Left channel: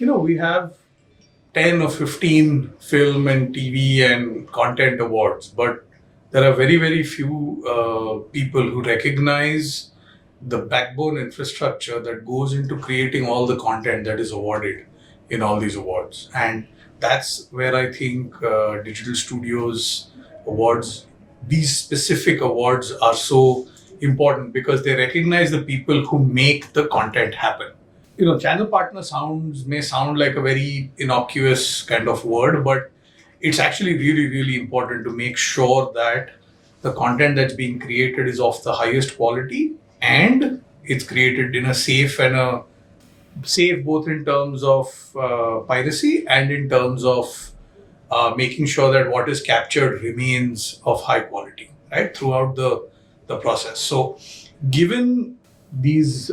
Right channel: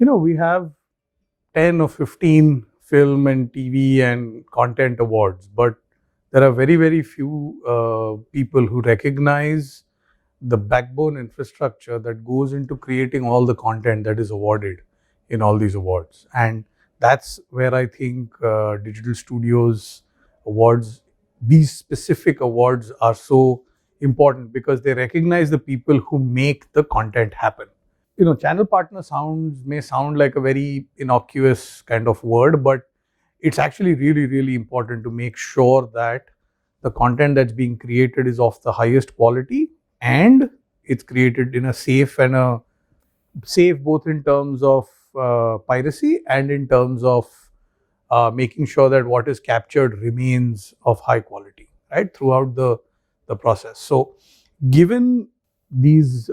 We have 10 or 15 film and TV and content awards, but there are very, very few people who recognize the backbone infrastructure that goes into creating all the content that is awarded in all these awards. And that's where I think digital studios awards, these specific awards, are so important because they recognize the people who make the content happen. Channel partner may sound like a very innocuous kind of word, but it's actually really, really important to make sure that the content that's being created is of the highest quality, and it's created in a safe both in terms of piracy and in terms of making sure that what is captured remains of high quality, right, throughout the process. So, given these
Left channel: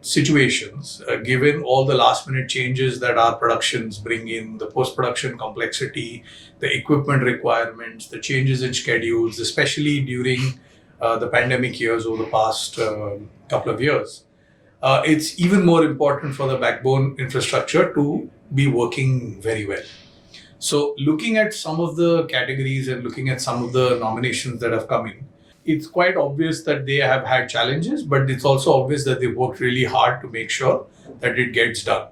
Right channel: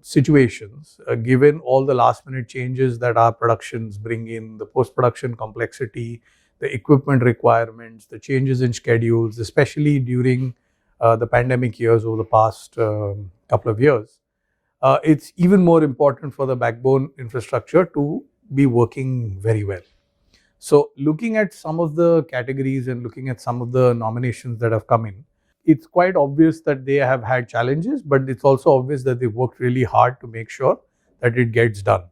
situations, given all the last minute changes that our productions bring in, the post production complexity, the equipment requirements, the changes in schedules, especially during the pandemic years over the past couple of years, it's even more important for the backbone infrastructure to be working very well. So, looking at some of the categories and looking at some of the nominations that have come in, it's quite obvious that they have had challenges, but it's also obvious that they worked really hard to make sure that it gets done.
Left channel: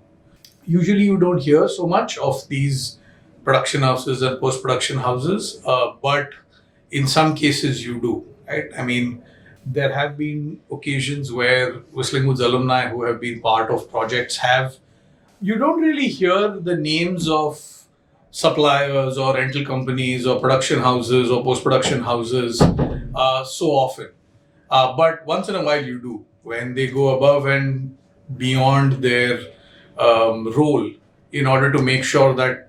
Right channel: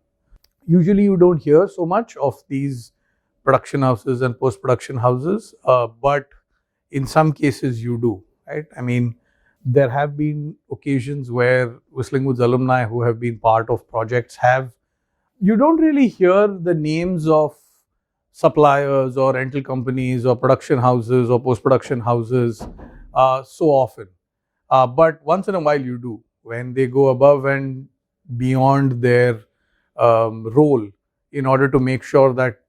Usually, you don't hear so much of these production houses and post production houses, but in some cases, you do, right? I mean, there have been occasions where Whistling Woods alumni who have been part of projects have, you don't really hear the names of suppliers or rental companies or production houses or post production houses so often. But once in a while, you do when they go above and beyond their role in order to make sure that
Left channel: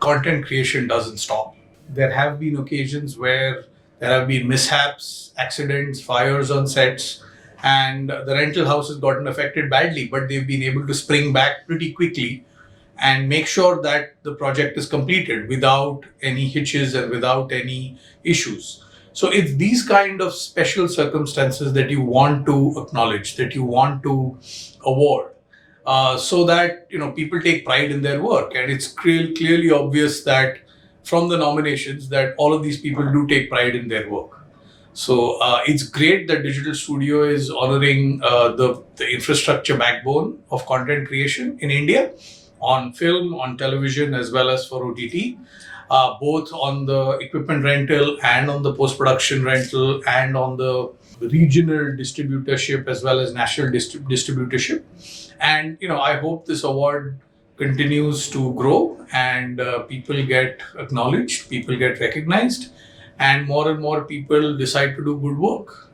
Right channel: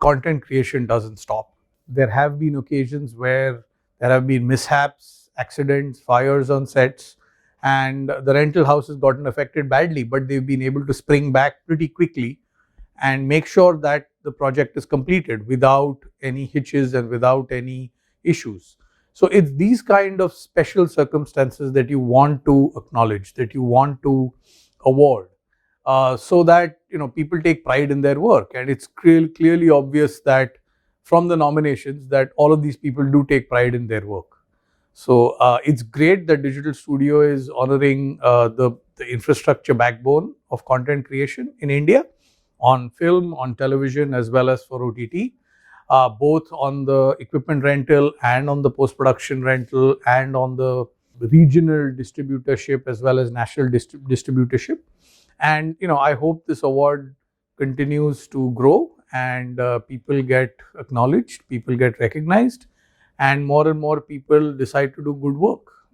content creation doesn't stop. There have been occasions where there have been mishaps, accidents, fires on sets, and the rental house has gotten affected badly, but they've been able to spring back pretty quickly and make sure that the project is completed without any hitches and without any issues. So it's these kind of special circumstances that you want to acknowledge, that you want to award, so that people take pride in their work, and it's clearly obvious that from the nominations that all of these people do take pride in their work. So it's great that Digital Studio is honoring the infrastructure backbone of content creation in India on film, on television, as well as for OTT, both on the equipment rental and on the post production rental and on the regional distributorship as well as national distributorship. And I hope this award continues to grow and people get acknowledged, people get recognized, and more people decide to do good work.